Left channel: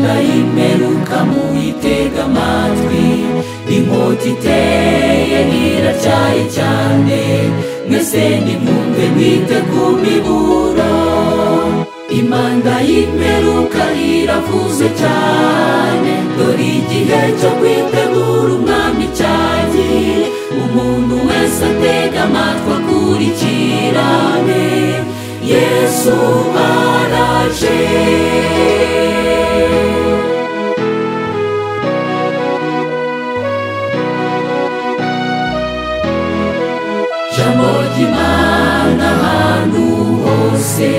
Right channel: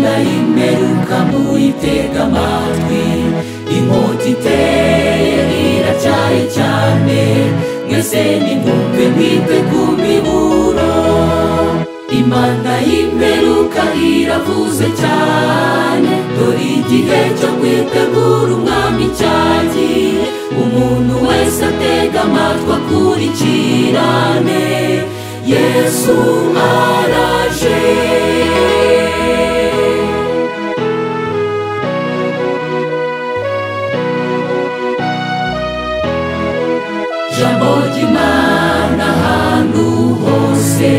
imana y'imperuka muyitega amatwi, inkota iteye iracyaye cyane, mwese nimwumve mwite ku miburo. Imana y'imperuka iravuze cyane, dore igihe cyo kwitegura umwami cyagiye, umuntu wese atega amatwi akurikirane, Yesu araje. Jambo ry'Imana ahantu hose,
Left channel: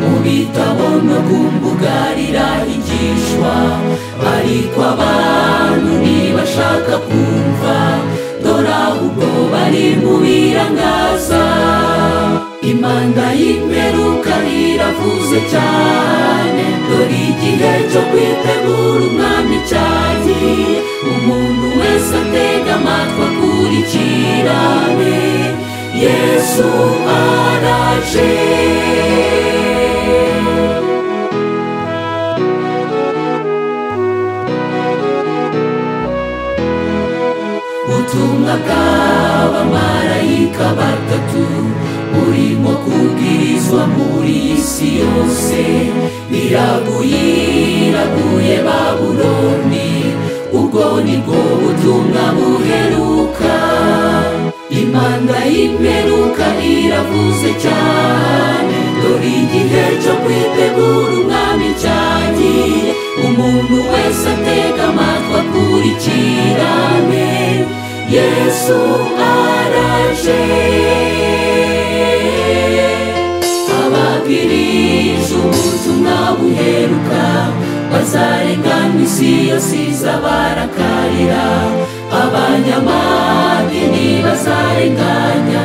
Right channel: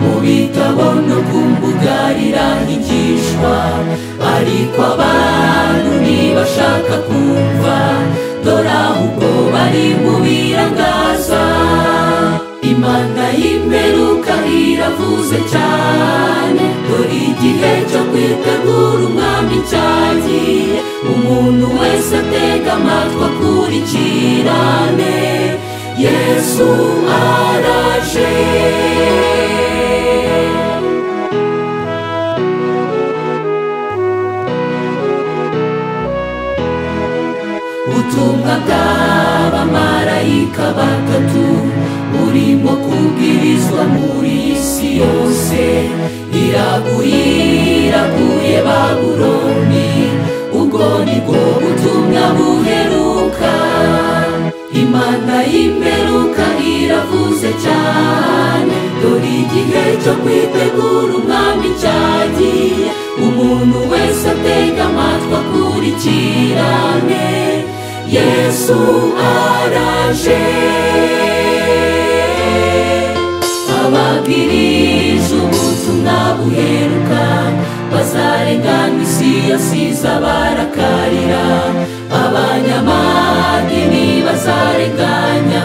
mu bitabo no ku mbuga rirahigishwa, ariko abantu ntibashaka kumva, dore ahubwo bari mu birangaza. Imana y'imperuka iravuze cyane, dore igihe cyo kwitegura umwami cyagiye, umuntu wese atega amatwi akurikirane, Yesu araje. Ubutumwa bw'abamarayika batatu burimo kubwirizwa muri iyi si yose, iraguye Babuloni, ubwo nibwo butumwa buheruka. Imana y'imperuka iravuze cyane, dore igihe cyo kwitegura umwami cyagiye, umuntu wese atega amatwi akurikirane, Yesu araje. Ababwirije ubutumwa buheruka bazarengana, isi yose izabarakarira, abanyamadini bazarenganya,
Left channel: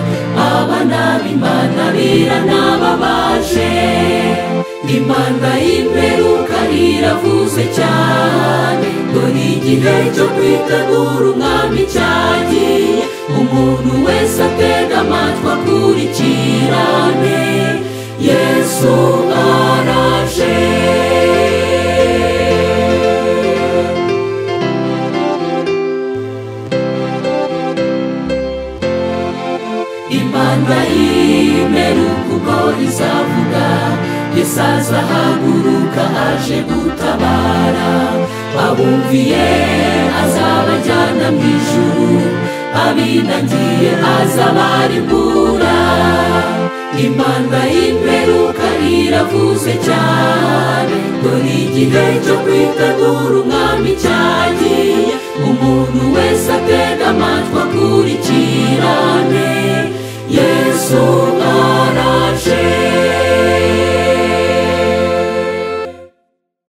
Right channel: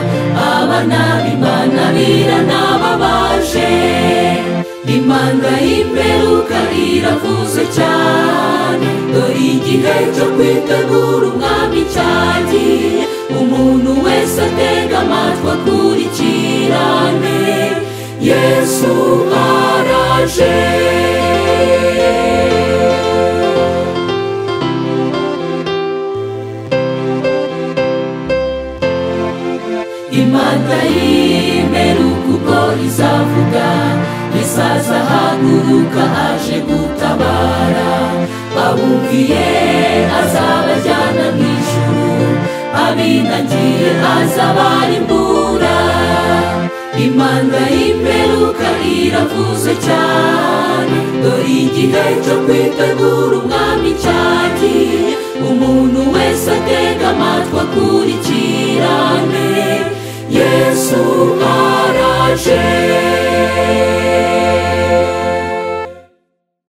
abana b'Imana biranababaje. Imana y'imperuka iravuze cyane, dore igihe cyo kwitegura umwami cyagiye, umuntu wese atega amatwi akurikirane, Yesu araje. Imana y'imperuka ubwo izavuga, Yesu azahaguruka aje gutabara, abumviye azabajyana mu ijuru, abinagiye azabarimbura. Imana y'imperuka iravuze cyane, dore igihe cyo kwitegura